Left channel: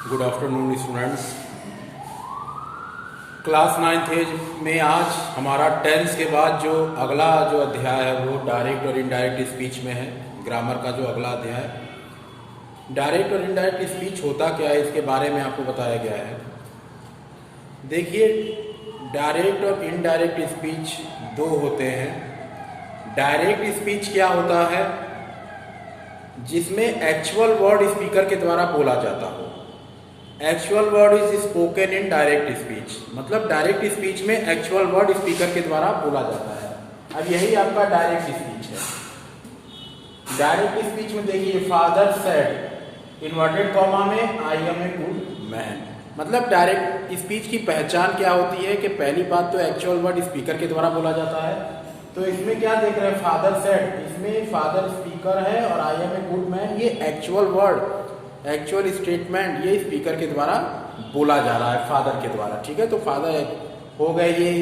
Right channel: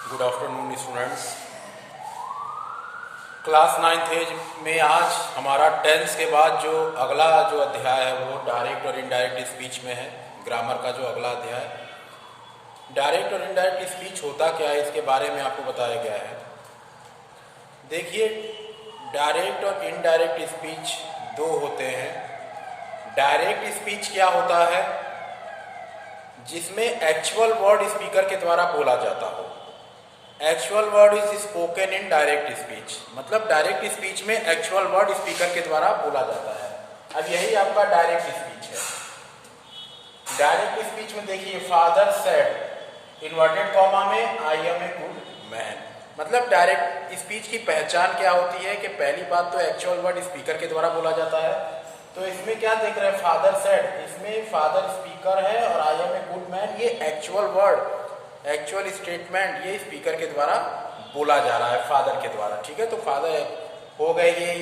Good afternoon students. Class 9th में आज हमारा टेंस के बाद जो अगला जो अध्याय है वो डायरेक्ट और इनडायरेक्ट स्पीच में है। ग्रामर का जो अगला अध्याय, डायरेक्ट और इनडायरेक्ट स्पीच होता क्या है इसके बारे में आपको बताया गया है। देखिए, डायरेक्ट और इनडायरेक्ट स्पीच दो होते हैं। डायरेक्ट स्पीच क्या होता है? जिसमें एक्चुअल वर्ड स्पीकर के द्वारा बोला जाता हो। Actual word is spoken in direct speech, मतलब डायरेक्ट स्पीच में एक्चुअल वर्ड स्पीकर के द्वारा बोला जाता है। अब यही आपका डायरेक्ट स्पीच है। डायरेक्ट स्पीच में देखिए, फादर सेड इन्वर्टेड कॉमा में I am a good man. मतलब डायरेक्ट स्पीच की पहचान क्या होती है कि पहली बात तो एक्चुअल वर्ड स्पीकर के द्वारा बोला जाता है। तो इसमें क्या देख रहे हैं, फादर सेड, इसमें फादर स्पीकर है और I am a good man ये एक्चुअल वर्ड, एक्चुअल स्टेटमेंट ये स्पीकर के द्वारा बोला जा रहा है, फादर के द्वारा। ठीक है, तो फादर हो गए ये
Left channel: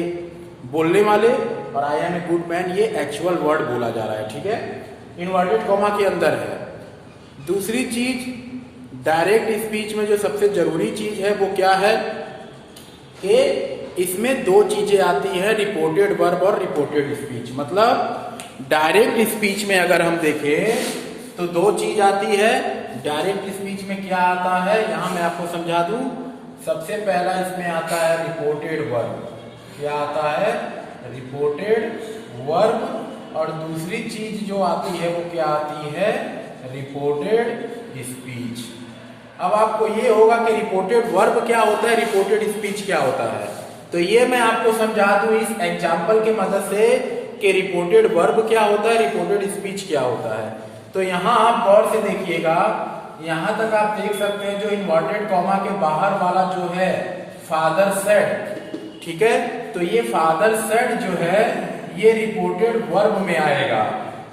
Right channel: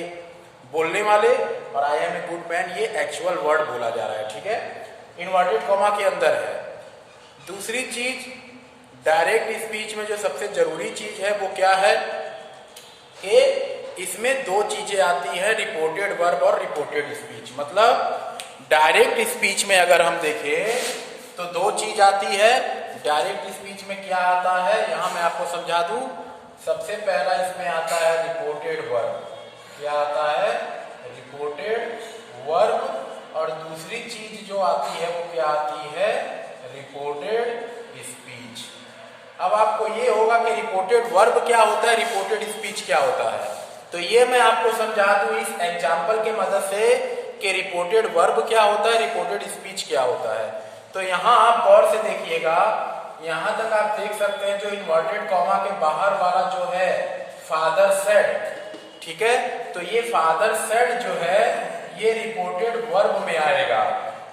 बोलने वाले और I am a good man ये एक्चुअल वर्ड बोला जा रहा है। ठीक है, इन्वर्टेड कॉमा के अंदर है। दूसरी चीज, डायरेक्ट स्पीच में जो सबसे जरूरी चीज है वो क्या है कि इसमें दो चीजें आती है, रिपोर्टेड वर्ब और रिपोर्टेड स्पीच। मतलब डायरेक्ट स्पीच में अगर हम देखें तो दो चीज आती है। डायरेक्ट स्पीच में क्या आता है, यहां मैं आपको समझा दूं। सबसे पहला इसमें आता है रिपोर्टेड वर्ब। क्या आता है? Reported verb. और दूसरी चीज जो आती है वो क्या आती है? Reported speech. अब आपको ये होगा कि रिपोर्टेड वर्ब क्या होता है, रिपोर्टेड स्पीच क्या होता है। तो ये मैं आपको समझा दूं इस एग्जाम्पल के मदद से कि रिपोर्टेड वर्ब क्या होता है, रिपोर्टेड स्पीच क्या होता है। तो यहां आप गौर से देखिएगा, यहां तक आप देख सकते हैं जो इन्वर्टेड कॉमा के बाहर वाला जो है फादर सेड। ठीक है, तो ये फादर सेड जो है ये रिपोर्टेड वर्ब में आएगा।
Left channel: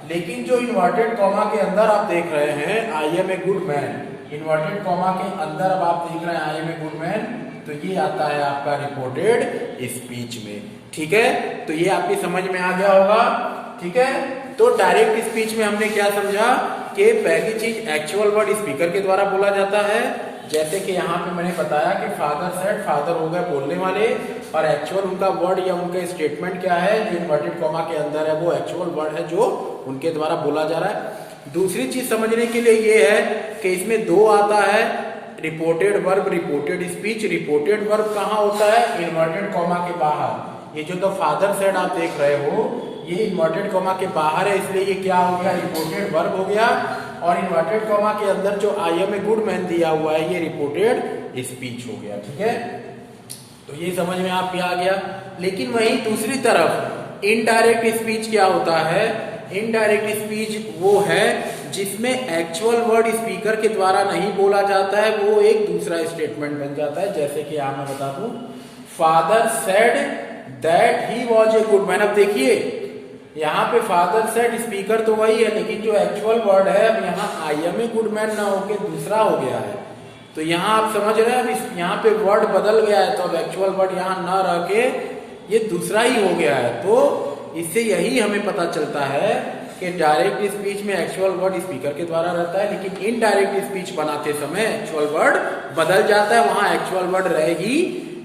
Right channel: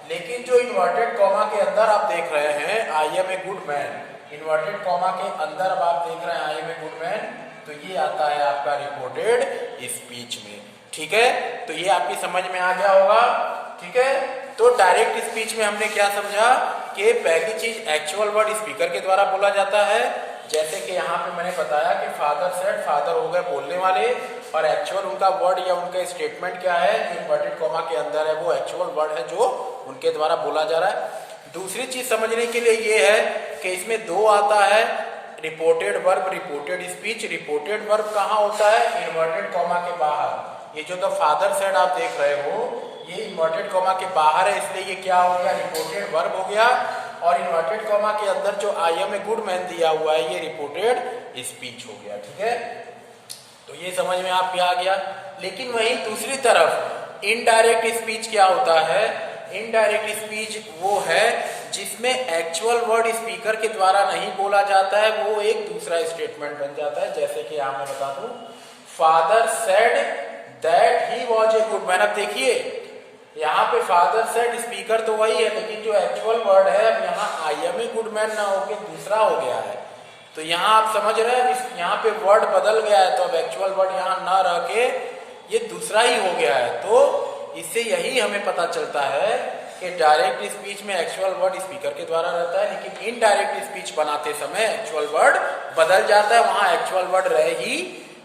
लेकिन जो इन्वर्टेड कॉमा के अंदर आप देख रहे हैं I am a good man, inverted comma के अंदर अब आप देख रहे हैं I am a good man, तो ये आता है आपका रिपोर्टेड स्पीच में। ठीक है, तो ये आपकी समझ में आ गया होगा। ठीक है, तो डायरेक्ट स्पीच में हमने क्या समझा कि पहली चीज एक्चुअल वर्ड स्पीकर के द्वारा बोला जाता है। जैसे कि यहाँ पे मैंने बताया कि फादर सेड, फादर हो गए बोलने वाले, और एक्चुअल उनका वर्ड या उनका स्टेटमेंट क्या है, जो इन्वर्टेड कॉमा के अंदर है वो एक्चुअल वर्ड है जो उनके द्वारा बोला जा रहा है। दूसरी चीज समझने के लिए ये है कि इसमें दो आता है, reported verb, reported speech. Reported verb कहाँ होता है? इन्वर्टेड कॉमा के बाहर। ये जो तो फादर सेड आप देख रहे हो ये इन्वर्टेड कॉमा के बाहर है, इसलिए ये क्या हो गया, रिपोर्टेड वर्ब हो गया। और इन्वर्टेड कॉमा के अंदर जो I am a good man दिया हुआ है ये रिपोर्टेड स्पीच हो गया। ठीक है, तो ये समझ में आपके आ गया। लेकिन वहीं दूसरी तरफ इनडायरेक्ट स्पीच क्या होता है? इनडायरेक्ट स्पीच वो है जिसमें एक्चुअल वर्ड स्पीकर के द्वारा नहीं बोला जाता है, वो एक दूसरा स्टेटमेंट बन जाता है। जैसे कि आप मैं बता दूं, father said that he was a good man. अब देखिए यहाँ पे फादर सेड स्पीकर तो वही है, लेकिन जो एक्चुअल वर्ड है अब यहाँ I am a good man ना होके दूसरा हो गया है। तो यहाँ आप समझ रहे हैं, यहाँ पे वर्ड बदल गया है, तो अब एक्चुअल वर्ड यहाँ ना रह के ये दूसरा ही हो गया है। तो इससे यही हमें पता चलता है कि डायरेक्ट स्पीच में एक्चुअल वर्ड स्पीकर के द्वारा रहता है, लेकिन इनडायरेक्ट स्पीच बनाते समय एक्चुअल वर्ड बदल जाता है, वहां एक्चुअल वर्ड रह ही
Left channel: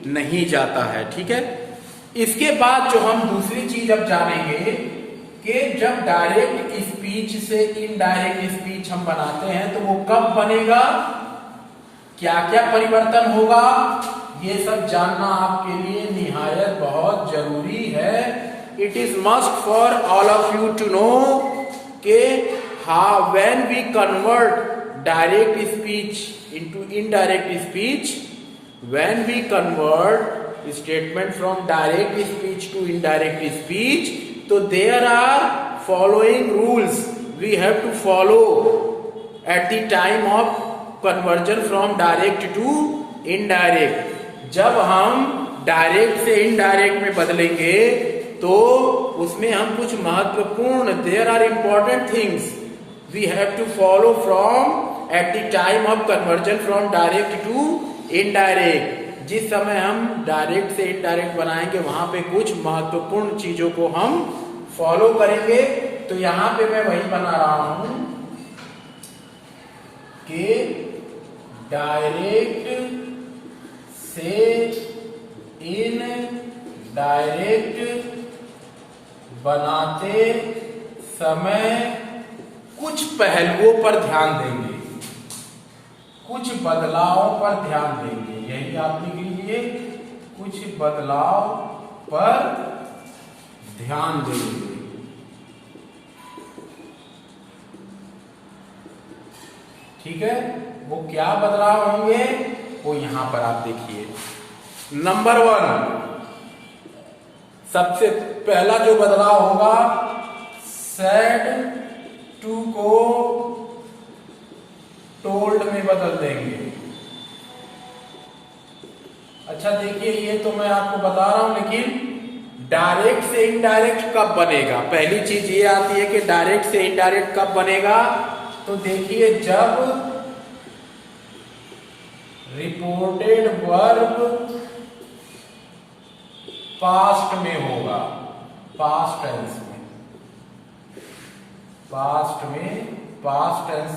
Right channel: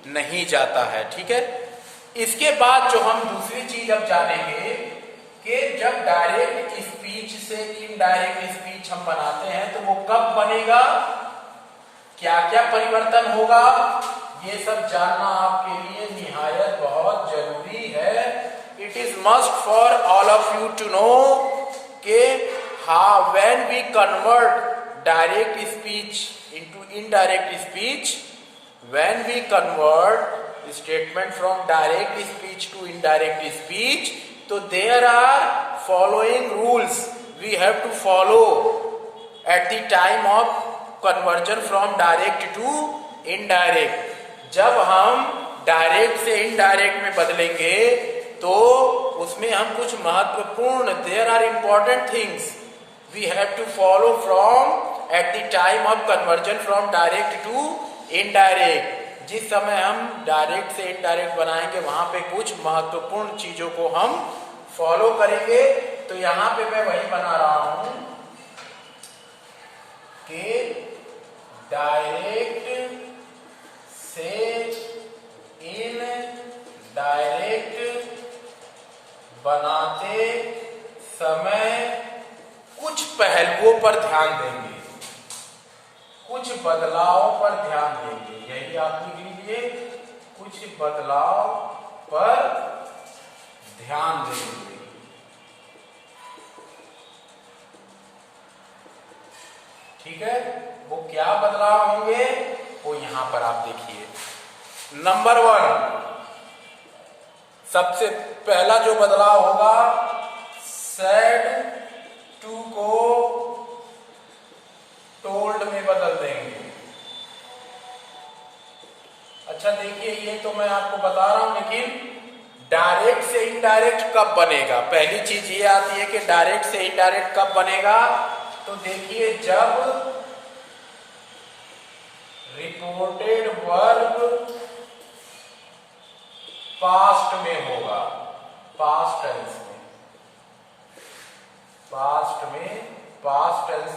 नहीं जाता है। ठीक है, इसके बाद जो हम दूसरी चीज अब जानेंगे कि जब डायरेक्ट स्पीच से इनडायरेक्ट स्पीच हम बनाते हैं तो वो कब बनेगा, क्या क्या परिवर्तन होगा, ये सब जानना आपके लिए निहायत बहुत जरूरी है। It is must for all of you to know कि how when we convert direct speech into indirect speech, when we convert statement from direct speech to indirect speech, so there are following rules we have to follow at the time of conversion from direct to indirect. जब हम direct से indirect में बदलेंगे तो उसमें हम कुछ महत्वपूर्ण, there are important things we have to follow from at the time of conversion from direct to indirect. जिस समय हम डायरेक्ट से इनडायरेक्ट बनाएंगे वहां पे कुछ महत्वपूर्ण चीजों को हम फॉलो करेंगे। तो यहां पे मैं वही बना रहा हूं कि डायरेक्ट से इनडायरेक्ट बनाते समय कुछ पहलुओं पर ध्यान देंगे, कुछ बदलाव पर ध्यान देंगे। यही आप लिख लीजिए, कुछ बदलाव पर ध्यान देंगे। ठीक है, वो क्या बदलाव होंगे वो यहां पर आप देखिए। नंबर 1, सबसे पहला जो बदलाव होगा, said to को told में बदल देंगे। अच्छा देखिए, ये तो मैं आपको बता रहा हूं, लेकिन डायरेक्ट से इनडायरेक्ट कब बनेगा? पहली चीज ये आती है कि डायरेक्ट से इनडायरेक्ट कब बनेगा। तो देखिए, जब रिपोर्टेड वर्ब पास्ट में होगा, पास्ट टेंस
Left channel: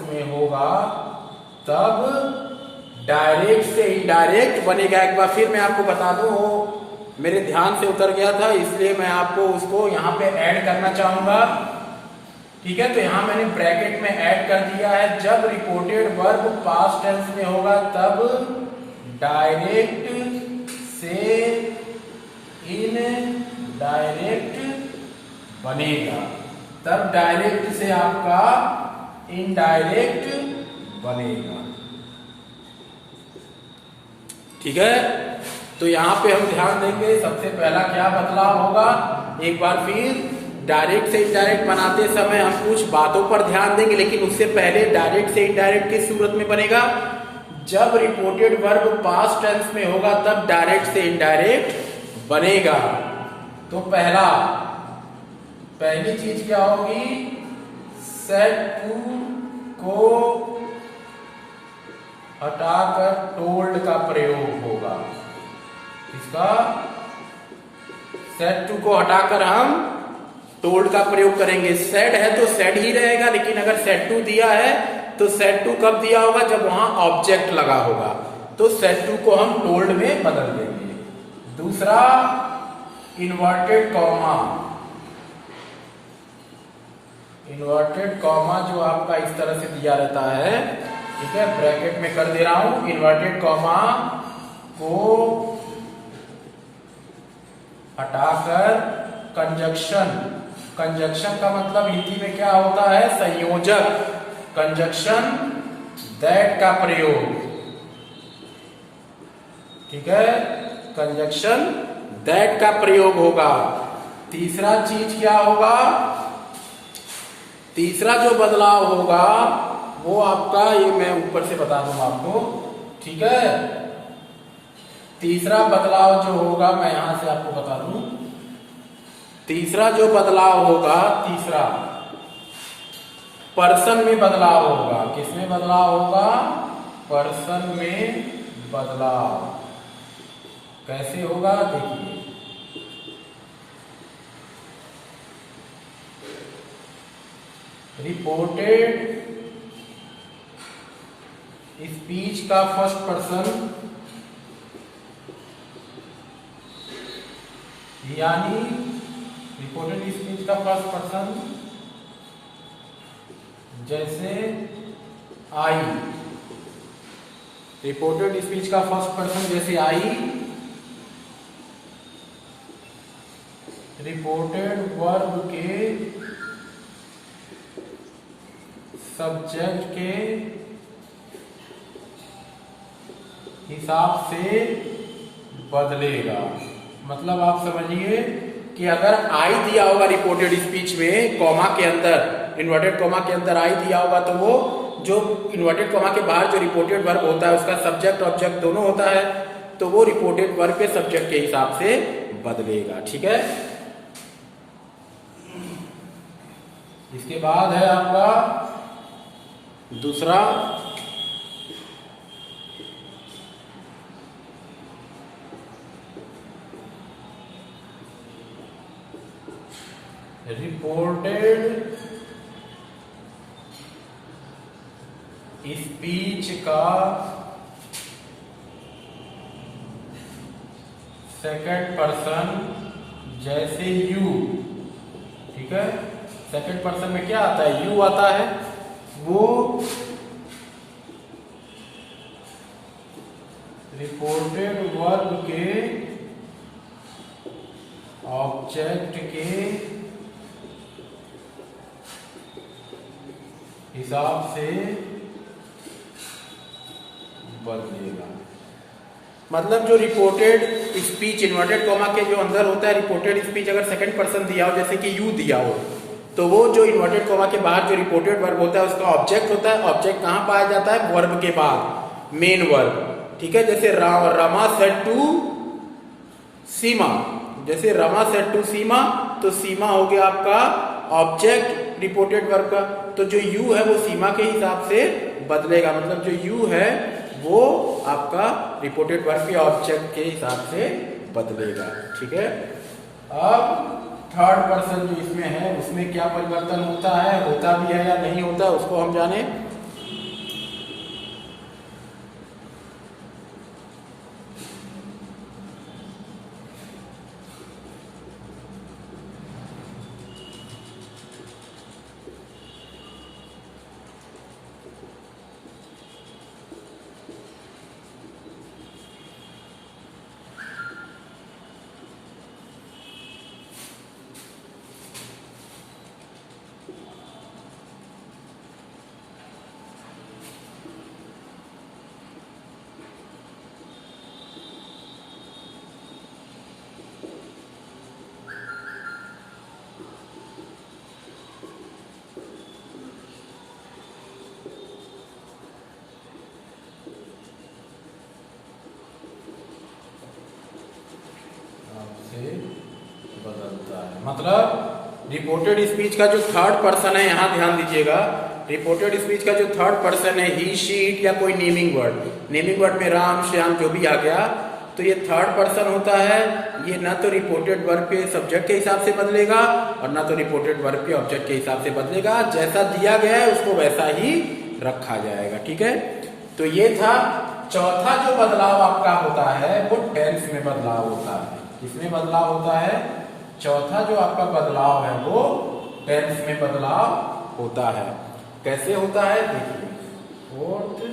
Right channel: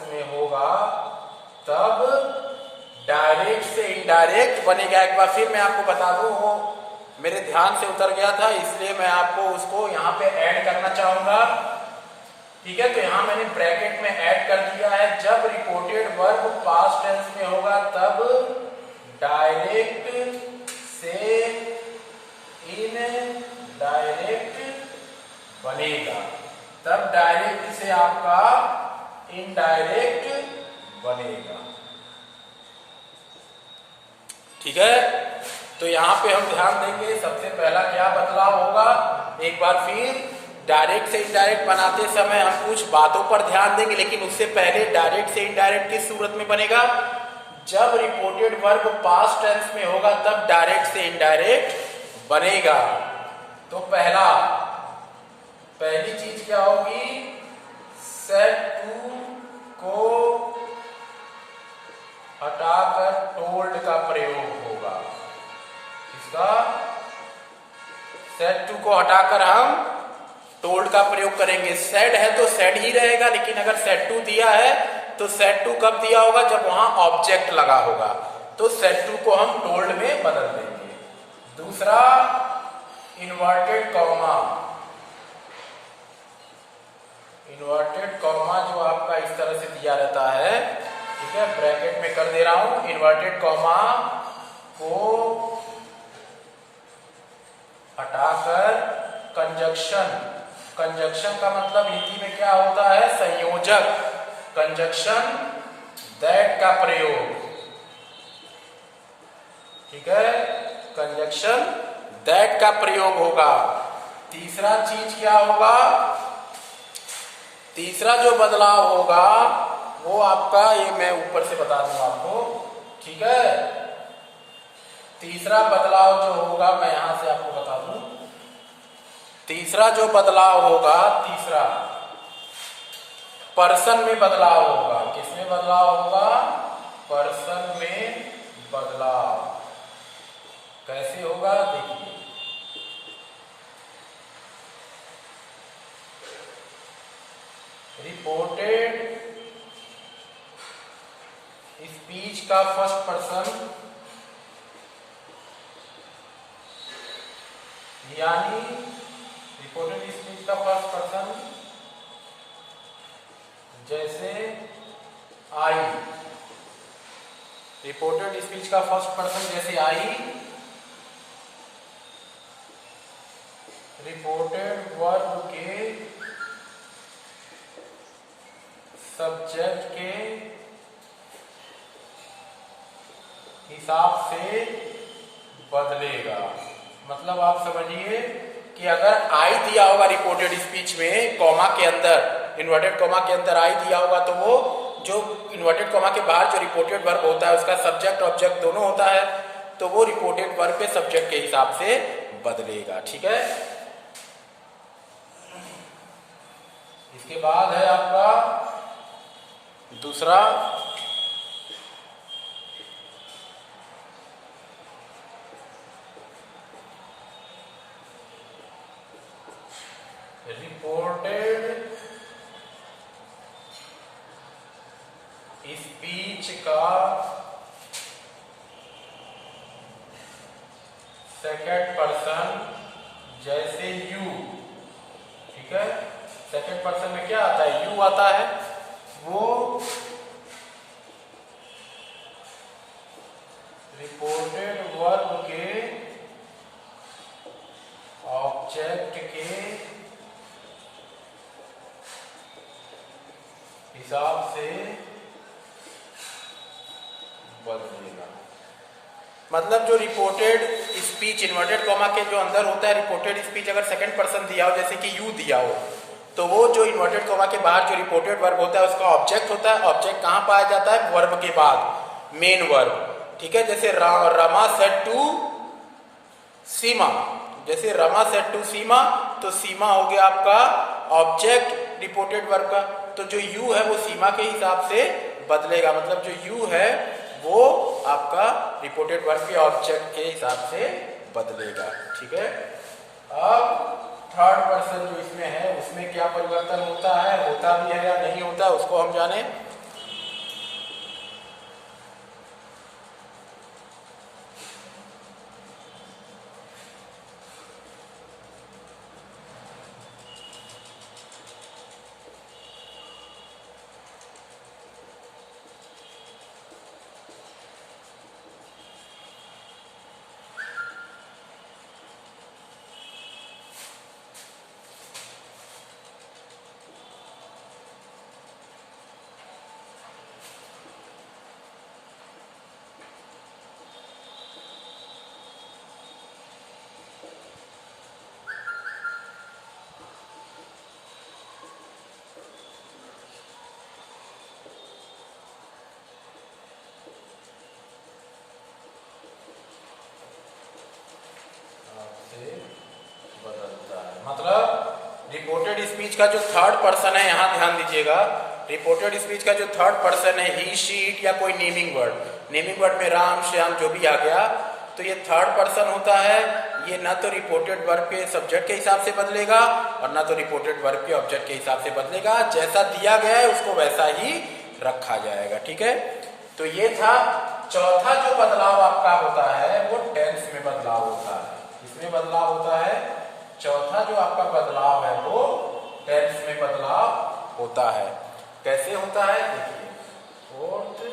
में होगा, तब डायरेक्ट से इनडायरेक्ट बनेगा। एक बार फिर मैं आपको बता दूं, वो मेरे ध्यान से उतर गया था, इसलिए मैं आपको उसको यहां पे ऐड करना चाहूंगा। ठीक है, तो यहां मैंने ब्रैकेट में ऐड कर दिया है। जब रिपोर्टेड वर्ब पास्ट टेंस में होगा, तब डायरेक्ट से इनडायरेक्ट बनेगा, तब डायरेक्ट से आपका इनडायरेक्ट बनेगा। ठीक है, तो यहां पे हम ध्यान देंगे सबसे पहला क्या बदलाव होगा। एक बार फिर, डायरेक्ट से इनडायरेक्ट बनाते समय हम कुछ बातों पर ध्यान देंगे, लेकिन उससे पहले डायरेक्ट से इनडायरेक्ट किस सूरत में बनेगा? जब रिपोर्टेड वर्ब पास्ट टेंस में होगा, तब डायरेक्ट से इनडायरेक्ट बनेगा। तो पहली चीज क्या होगी? सेड टू को हटाकर टोल्ड का प्रयोग होगा। इसका सेड टू को हटाकर हम टोल्ड का प्रयोग करेंगे। सेड है तो सेड ही रहेगा, लेकिन अगर सेड टू दिया है तो सेड टू कब दिया होगा? जब वहां ऑब्जेक्ट लगा होगा। तो सेड टू को हम टोल्ड में बदल देंगे। दूसरा, इन्वर्टेड कॉमा। इन्वर्टेड कॉमा जो आपका इस तरह से दिया रहता है, ठीक है, ब्रैकेट में कर दे रहा हूं। इन्वर्टेड कॉमा को हटाकर कंजक्शन का मतलब हिंदी में क्या होता है? संयोजक। कंजक्शन दैट का प्रयोग। ठीक है, कंजक्शन दैट का प्रयोग होगा। तीसरा चीज क्या होगा? तीसरा जो बदलाव होगा वो आपका, ये मैं ऊपर से बता दूंगा आपको। ठीक है, तीसरा बदलाव जो होगा, मैं यहां से आपको बता दूं। तीसरा जो बदलाव होगा, तीसरा पर्सन में बदलाव होगा। किसमें बदलाव होगा? पर्सन में बदलाव। कैसे होगा देखिए। रिपोर्टेड स्पीच का फर्स्ट पर्सन, यानी रिपोर्टेड स्पीच का फर्स्ट पर्सन जैसे आई। रिपोर्टेड स्पीच का फर्स्ट पर्सन जैसे आई। रिपोर्टेड वर्ब के सब्जेक्ट के हिसाब से बदलेगा। मतलब आप समझिए कि अगर आई दिया होगा रिपोर्टेड स्पीच में, कॉमा के अंदर, इन्वर्टेड कॉमा के अंदर आई दिया होगा, तो वो जो इन्वर्टेड कॉमा के बाहर जो रिपोर्टेड वर्ब होता है, उसका सब्जेक्ट ऑब्जेक्ट दोनों होता है, तो वो रिपोर्टेड वर्ब के सब्जेक्ट के हिसाब से बदलेगा। ठीक है, इसके बाद है आपका दूसरा, रिपोर्टेड स्पीच का सेकंड पर्सन जैसे यू, ठीक है, सेकंड पर्सन में क्या आता है, यू आता है, वो रिपोर्टेड वर्ब के ऑब्जेक्ट के हिसाब से बदलेगा। मतलब जो रिपोर्टेड स्पीच इन्वर्टेड कॉमा के जो अंदर होता है, रिपोर्टेड स्पीच अगर सेकंड पर्सन दिया हो, जैसे कि यू दिया हो, तो वो जो इन्वर्टेड कॉमा के बाहर जो रिपोर्टेड वर्ब होता है उसका ऑब्जेक्ट होता है। ऑब्जेक्ट कहां पाया जाता है, वर्ब के बाद, मेन वर्ब, ठीक है। जैसे रमा सेड टू सीमा, जैसे रमा सेड टू सीमा, तो सीमा हो गया आपका ऑब्जेक्ट रिपोर्टेड वर्ब का। तो जो यू है वो सीमा के हिसाब से बदलेगा, मतलब जो यू है वो आपका रिपोर्टेड वर्ब के ऑब्जेक्ट के हिसाब से बदलेगा, ठीक है। अब थर्ड पर्सन जो इसमें है उसमें क्या परिवर्तन होता है, होता भी है या नहीं होता, उसको हम जाने। बदलता है, मतलब रिपोर्टेड स्पीच का जो थर्ड पर्सन है, यहां ध्यान दीजिएगा, रिपोर्टेड स्पीच का जो थर्ड पर्सन है, ही शी इट या कोई नेमिंग वर्ड, नेमिंग वर्ड में राम श्याम जो भी आ गया, तो ये थर्ड पर्सन होता है। ये ना तो रिपोर्टेड वर्ब के सब्जेक्ट के हिसाब से बदलेगा और ना तो रिपोर्टेड वर्ब के ऑब्जेक्ट के हिसाब से बदलेगा, जैसा दिया गया है उसको वैसा ही रखा जाएगा, ठीक है। तो ये था चौथा जो बदलाव आपका होता है वो टेंस में बदलाव होता है। किसमें बदलाव होता है, चौथा जो आपका बदलाव है वो टेंस में बदलाव होता है। कैसे होता है देखिए, फोर्थ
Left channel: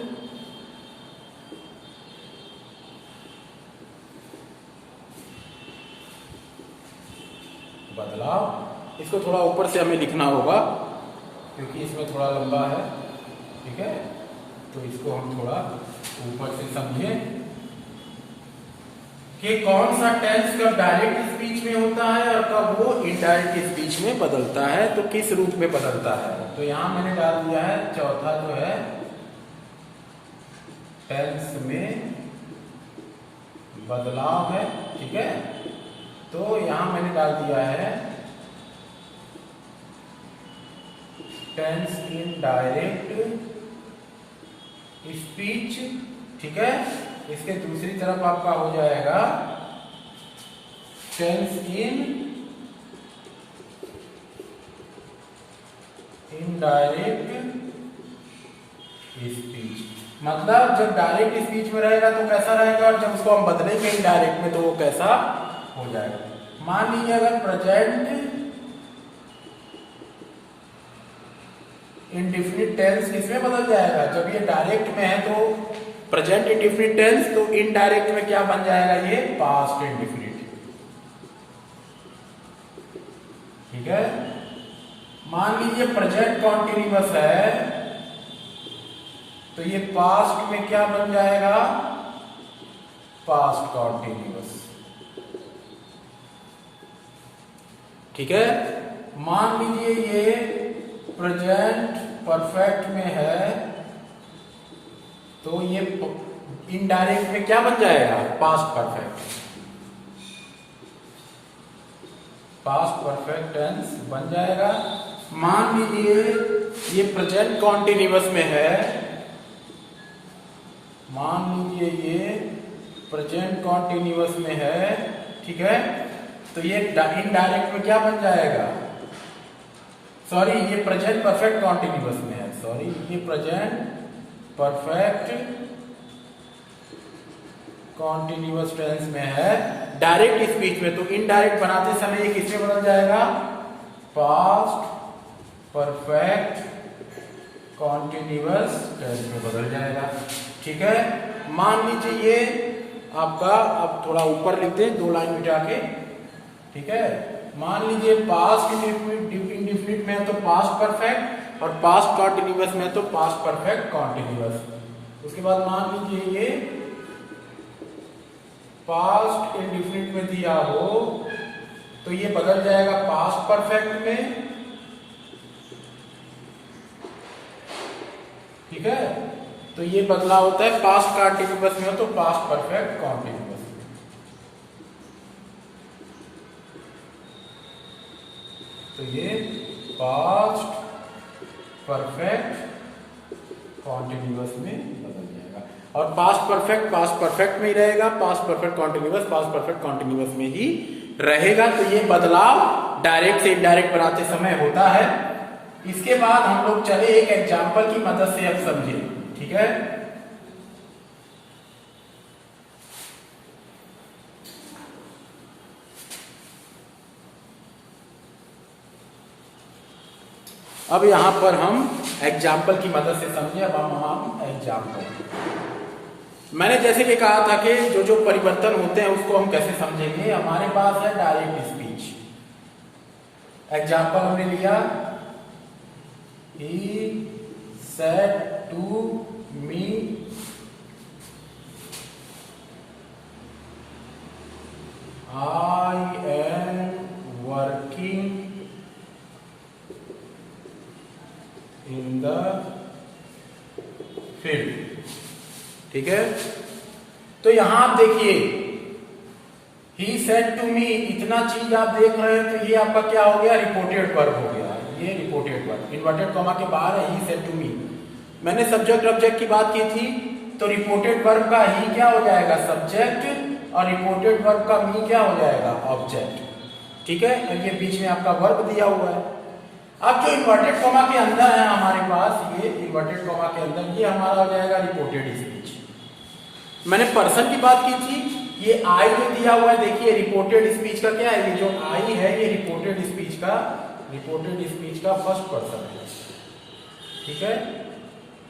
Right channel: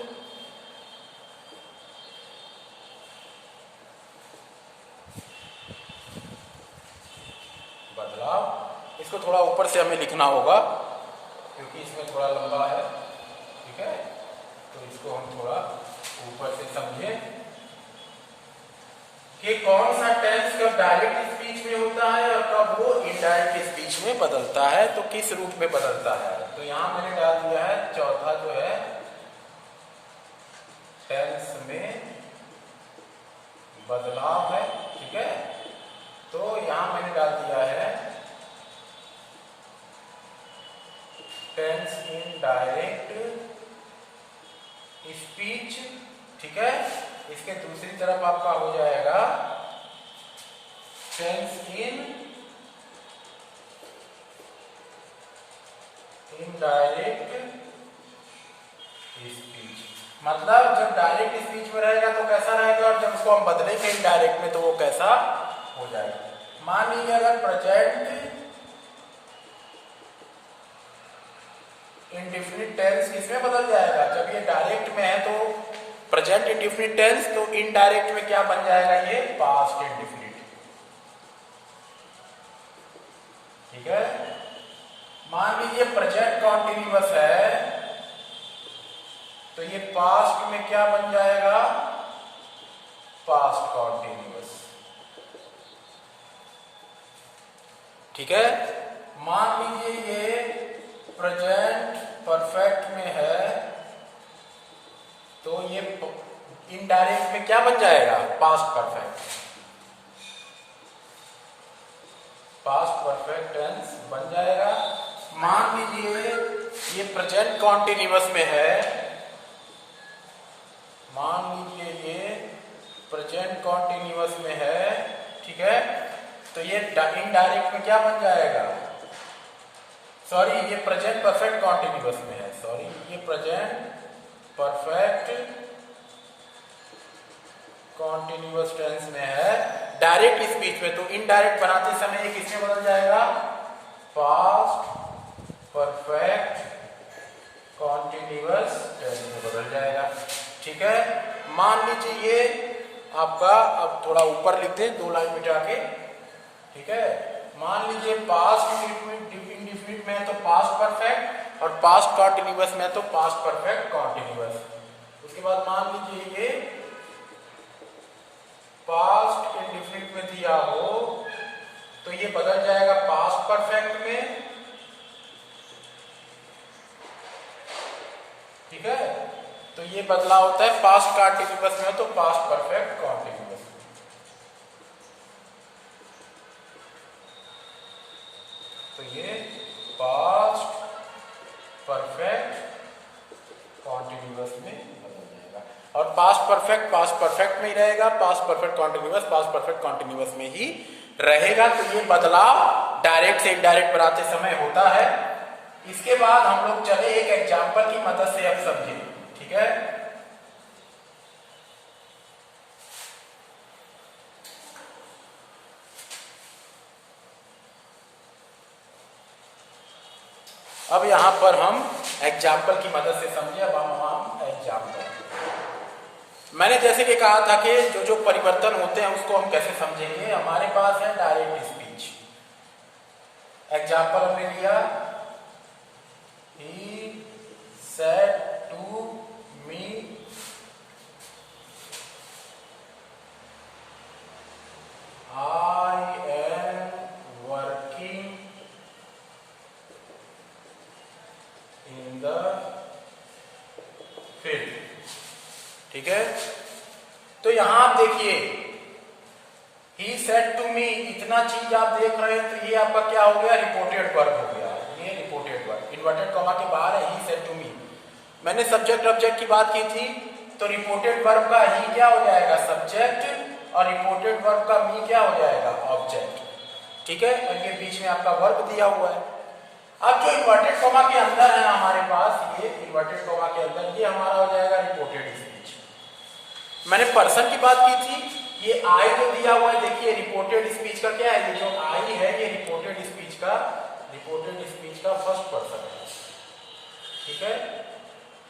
बदलाव, इसको थोड़ा ऊपर से हमें लिखना होगा क्योंकि इसमें थोड़ा लंबा है, ठीक है, तो इसको हम थोड़ा ऊपर से समझें कि कौन सा टेंस कब डायरेक्ट स्पीच में होता है और कब वो इनडायरेक्ट स्पीच में बदलता है, तो किस रूप में बदलता है। तो यहां मैंने डाल दिया है चौथा जो है टेंस में बदलाव है, ठीक है। तो यहां मैंने डाल दिया है टेंस इन डायरेक्ट स्पीच, ठीक है। इसके दूसरी तरफ आपका हो जाएगा टेंस इन इनडायरेक्ट स्पीच, मतलब जब डायरेक्ट स्पीच में रहेगा तो कैसा रहेगा और जब उसको हम बदलेंगे इनडायरेक्ट में तो वो कैसा हो जाएगा। मान लीजिए अगर प्रेजेंट इंडेफिनिट टेंस किसमें बदल जाएगा, जब ये डायरेक्ट में है तो प्रेजेंट इंडेफिनिट टेंस, तो इनडायरेक्ट में क्या बन जाएगा, ये पास्ट इंडेफिनिट, ठीक है। मान लीजिए प्रेजेंट कॉन्टिन्यूअस है तो ये पास्ट में क्या बन जाएगा, पास्ट कॉन्टिन्यूअस, ठीक है। मान लीजिए ये प्रेजेंट परफेक्ट में है तो ये इनडायरेक्ट में क्या बन जाएगा, past perfect, past perfect tense बन जाएगा। मान लीजिए ये प्रेजेंट कॉन्टिन्यूअस में है, मान लीजिए ये प्रेजेंट कॉन्टिन्यूअस में है, ठीक है, तो ये इनडायरेक्ट में क्या बन जाएगा, सॉरी ये प्रेजेंट परफेक्ट कॉन्टिन्यूअस में है, सॉरी ये प्रेजेंट परफेक्ट कॉन्टिन्यूअस टेंस में है। डायरेक्ट स्पीच में तो इनडायरेक्ट बनाते समय ये किसमें बदल जाएगा? पास्ट परफेक्ट कॉन्टिन्यूअस टेंस में बदल जाएगा। ठीक है, मान लीजिए ये आपका, अब थोड़ा ऊपर लिख दें 2 लाइन मिटा के। ठीक है, मान लीजिए पास्ट इंडेफिनिट में है तो पास्ट परफेक्ट, और पास्ट कॉन्टिन्यूअस में है तो पास्ट परफेक्ट कॉन्टिन्यूअस। उसके बाद मान लीजिए ये पास्ट इंडेफिनिट में दिया हो तो ये बदल जाएगा पास्ट परफेक्ट में। ठीक है, तो ये बदलाव होता है पास्ट कॉन्टिन्यूअस में तो पास्ट परफेक्ट कॉन्टिन्यूअस में। तो ये पास्ट परफेक्ट कॉन्टिन्यूअस में बदल जाएगा, और पास्ट परफेक्ट में ही रहेगा, पास्ट परफेक्ट कॉन्टिन्यूअस में ही रहेगा। तो ये बदलाव डायरेक्ट से इनडायरेक्ट बनाते समय होता है। इसके बाद हम लोग चले एक एग्जाम्पल की मदद से अब समझे। ठीक है, अब यहां पर हम एग्जाम्पल की मदद से समझे। अब हम एग्जाम्पल, मैंने जैसे कि कहा था कि जो जो परिवर्तन होते हैं उसको हम कैसे समझेंगे। हमारे पास है डायरेक्ट स्पीच। एग्जाम्पल हमने लिया, He said to me, I am working in the field। ठीक है, तो यहां आप देखिए He said to me, इतना चीज आप देख रहे हैं तो ये आपका क्या हो गया? रिपोर्टेड वर्ब हो गया। ये रिपोर्टेड वर्ब इन्वर्टेड कॉमा के बाहर है। He said to me, मैंने सब्जेक्ट ऑब्जेक्ट की बात की थी, तो रिपोर्टेड वर्ब का ही क्या हो जाएगा? सब्जेक्ट, और रिपोर्टेड वर्ब का मी क्या हो जाएगा? ऑब्जेक्ट। ठीक है, और ये बीच में आपका वर्ब दिया हुआ है। अब जो इन्वर्टेड कॉमा के अंदर है हमारे पास, ये इन्वर्टेड कॉमा के अंदर ये हमारा हो जाएगा रिपोर्टेड स्पीच। मैंने पर्सन की बात की थी, ये आई जो दिया हुआ है, देखिए रिपोर्टेड स्पीच का क्या है? ये जो आई है ये रिपोर्टेड स्पीच का फर्स्ट पर्सन है। ठीक है,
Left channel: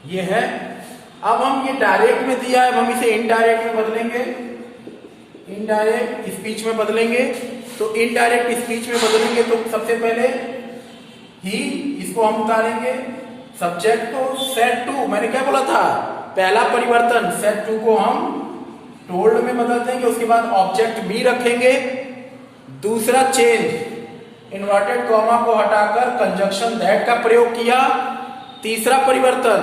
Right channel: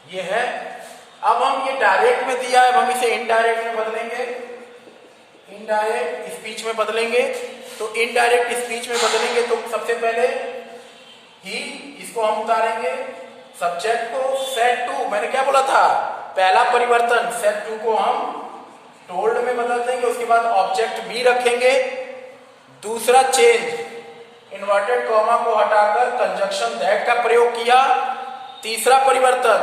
ये है। अब हम ये डायरेक्ट में दिया है, हम इसे इनडायरेक्ट में बदलेंगे, इनडायरेक्ट स्पीच में बदलेंगे। तो इनडायरेक्ट स्पीच में बदलेंगे तो सबसे पहले ही, इसको हम उतारेंगे, सब्जेक्ट को सेड टू, मैंने क्या बोला था? पहला परिवर्तन सेड टू को हम टोल्ड में बदल देंगे। उसके बाद ऑब्जेक्ट बी रखेंगे। दूसरा चेंज, इन्वर्टेड कॉमा को हटाकर कंजंक्शन दैट का प्रयोग किया। तीसरा परिवर्तन,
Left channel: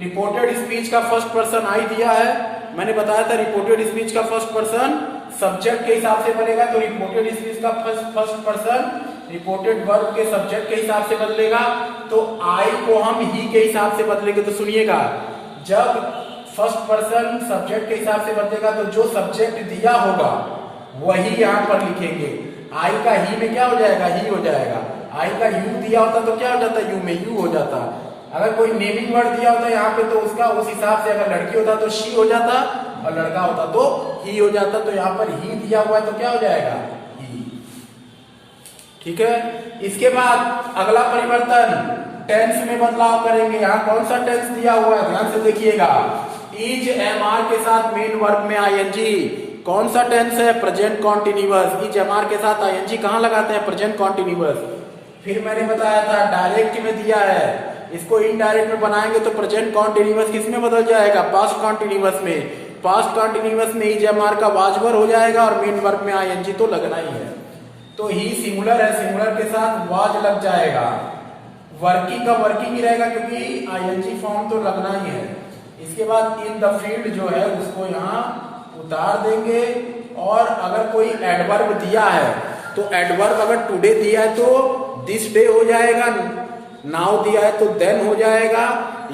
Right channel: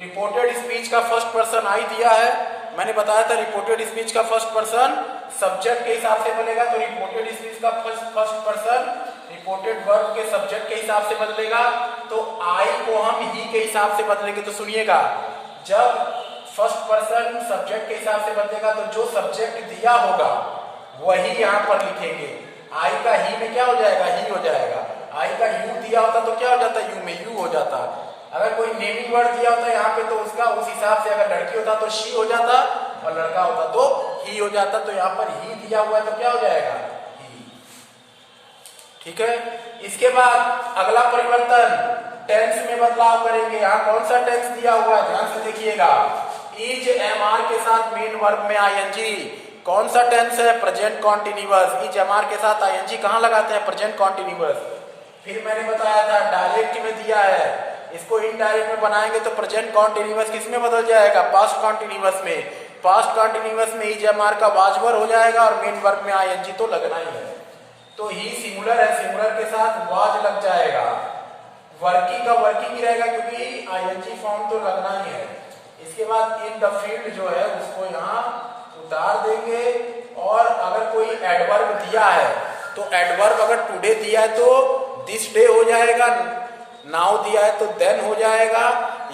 रिपोर्टेड स्पीच का फर्स्ट पर्सन आई दिया है। मैंने बताया था रिपोर्टेड स्पीच का फर्स्ट पर्सन सब्जेक्ट के हिसाब से बनेगा, तो रिपोर्टेड स्पीच का फर्स्ट पर्सन रिपोर्टेड वर्ब के सब्जेक्ट के हिसाब से बदलेगा। तो आई को हम ही के हिसाब से बदलेंगे। तो सुनिएगा, जब फर्स्ट पर्सन सब्जेक्ट के हिसाब से बदलेगा तो जो सब्जेक्ट दिया होगा वही यहां पर लिखेंगे। आई का ही में क्या हो जाएगा? ही हो जाएगा। आई का यू दिया होता तो क्या हो जाता? यू में यू हो जाता। अगर कोई नेमिंग वर्ड दिया होता यहाँ पे तो उसका उस हिसाब से, अगर लड़की होता तो शी हो जाता, और लड़का होता तो ही हो जाता। तो यहाँ पर ही दिया हुआ है तो क्या हो जाएगा? ही। ठीक है, इसके बाद अगला परिवर्तन टेंस में बदलाव करेंगे। यहाँ कौन सा टेंस दिया हुआ है? ध्यान से देखिएगा, इज एम आर के साथ मेन वर्ब में आईएनजी। कौन सा टेंस है? Present continuous. Is am are के साथ आईएनजी कहां लगाते हैं? Present continuous. फिर मैंने बताया था डायरेक्ट में दिया है, इसको इनडायरेक्ट में बनाएंगे तो प्रेजेंट कॉन्टिन्यूअस किसमें बदल जाएगा? पास्ट कॉन्टिन्यूअस में। पास्ट कॉन्टिन्यूअस में इज एम आर का वाजवर हो जाएगा और मेन वर्ब में आईएनजी तो लगना ही है। तो ही सिंगुलर है, सिंगुलर के साथ वाज लग जाएगा। वर्किंग का वर्किंग ही रहेगा क्योंकि आईएनजी फॉर्म तो लगना ही है। इसके बाद इन द फील्ड जो है उसको यहाँ उतार देंगे। और अगर कोई एडवर्ब दिया है तो एडवर्ब अगर टुडे दिया है तो दिस डे हो जाएगा, नाउ दिया है तो देन हो जाएगा,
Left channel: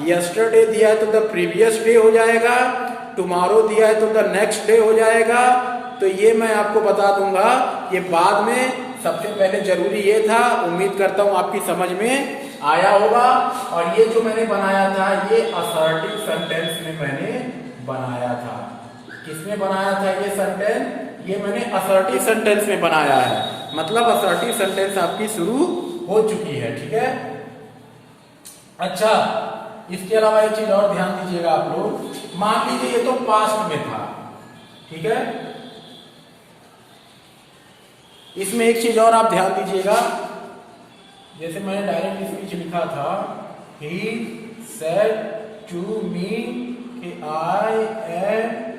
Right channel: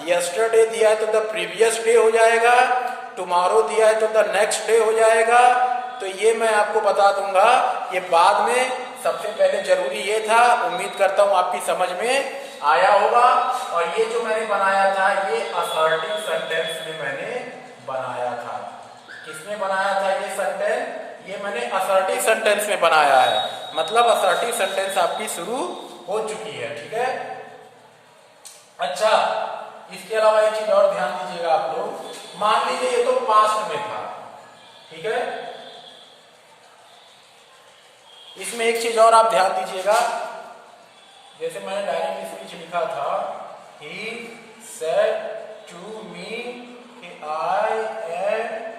यस्टरडे दिया है तो द प्रीवियस डे हो जाएगा, टुमारो दिया है तो द नेक्स्ट डे हो जाएगा। तो ये मैं आपको बता दूंगा, ये बाद में, सबसे पहले जरूरी ये था। उम्मीद करता हूं आपकी समझ में आया होगा। और ये जो मैंने बनाया था ये असर्टिव सेंटेंस में मैंने बनाया था। किसमें बनाया था ये सेंटेंस? ये मैंने असर्टिव सेंटेंस में बनाया है, मतलब असर्टिव सेंटेंस आपकी शुरू हो चुकी है। ठीक है। अच्छा, इसके अलावा एक चीज और ध्यान दीजिएगा आप लोग, मान लीजिए ये तो पास्ट में था, ठीक है, इसमें एक चीज और आप ध्यान दीजिएगा, जैसे मैंने डायरेक्ट स्पीच लिखा था, he said to me I am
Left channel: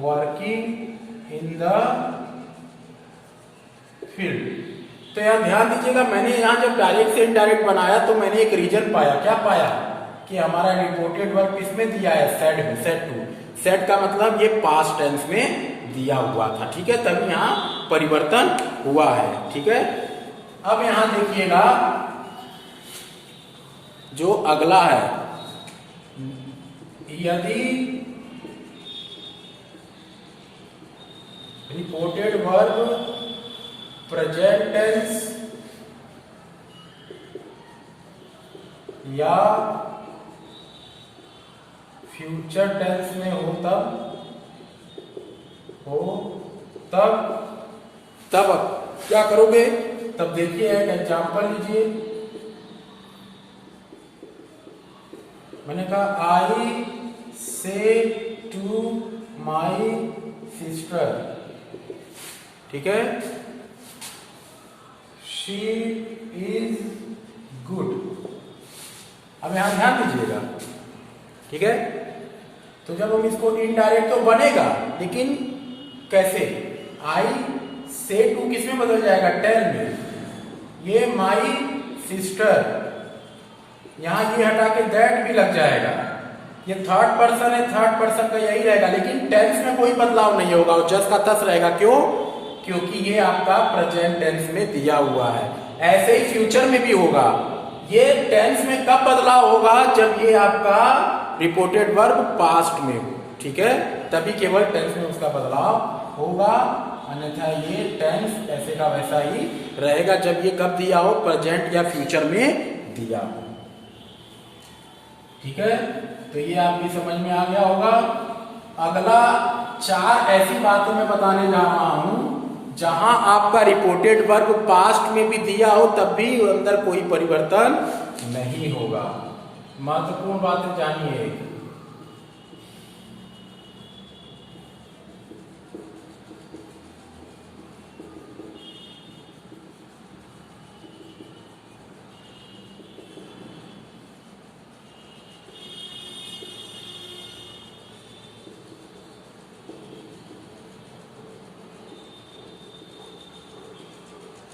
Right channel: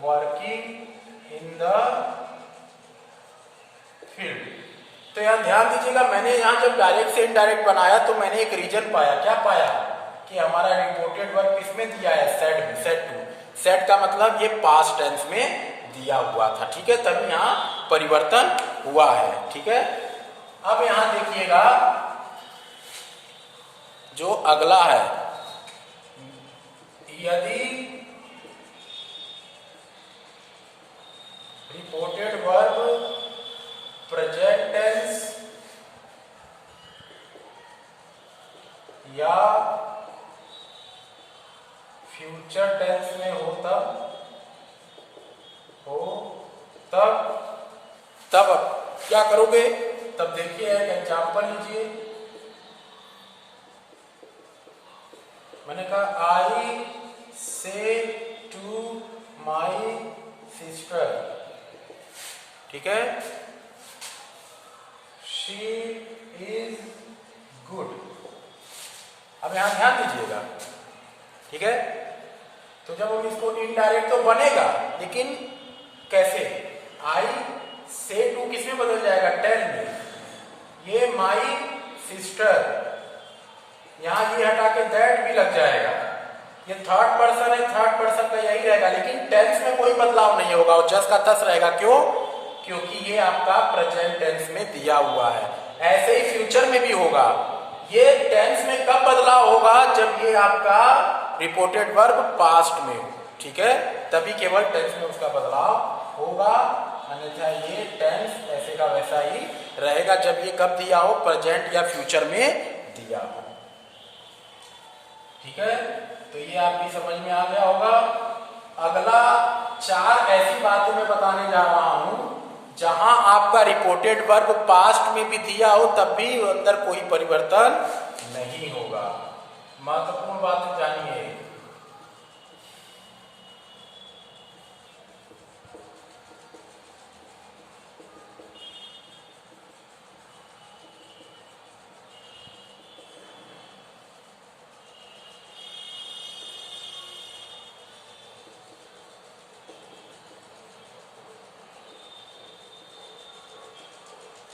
working in the field. तो यहां ध्यान दीजिएगा, मैंने यहां जब डायरेक्ट से इनडायरेक्ट बनाया तो मैंने एक रीजन पाया। क्या पाया? कि हमारा रिपोर्टेड वर्ब किसमें दिया है? सेड में, सेड टू। सेड का मतलब ये पास्ट टेंस में दिया हुआ था, ठीक है, तभी यहां परिवर्तन हुआ है। ठीक है। अब यहां देखिएगा जो अगला है, यदि रिपोर्टेड वर्ब प्रेजेंट टेंस या फ्यूचर टेंस में हो तब क्या करोगे? तब देखिए एक एग्जांपल लीजिए। मैंने कहा आई से टू माई सिस्टर, ठीक है, शी इज गुड। अब यहां ध्यान दीजिएगा, ठीक है। तो जब हम इसको इनडायरेक्ट तो बनेगा, लेकिन कैसे? आई से टू किसमें बदल जाएगा? टेल में। ये माई सिस्टर, यहां ये हटा के दैट भी लग जाएगा। ये थर्ड पर्सन है, थर्ड पर्सन का यही रहेगा, लेकिन टेंस में कोई बदलाव नहीं होगा, और जस्ट का तस रहेगा। क्यों? क्योंकि ये आपका प्रेजेंट टेंस में दिया हुआ है। ऐसे ही फ्यूचर में भी होगा। ये टेंस में कब बदलाव होगा? जब ये आपका रिपोर्टेड वर्ब पास्ट में हो, ठीक है, तभी केवल टेंस में उसका बदलाव होगा, अन्यथा ये टेंस ऐसे का वैसा ही रहेगा। जब ये कब दिया हो? प्रेजेंट या फ्यूचर में दिया हो, ठीक है। तो ये आपकी समझ में आ गया होगा। अगला 4 ऐसी बातें मैं बताने जा रहा हूं जहां आपका रिपोर्टेड वर्ब पास्ट में भी दिया हो तब भी अंदर कोई परिवर्तन नहीं होगा। महत्वपूर्ण बातें जानिए।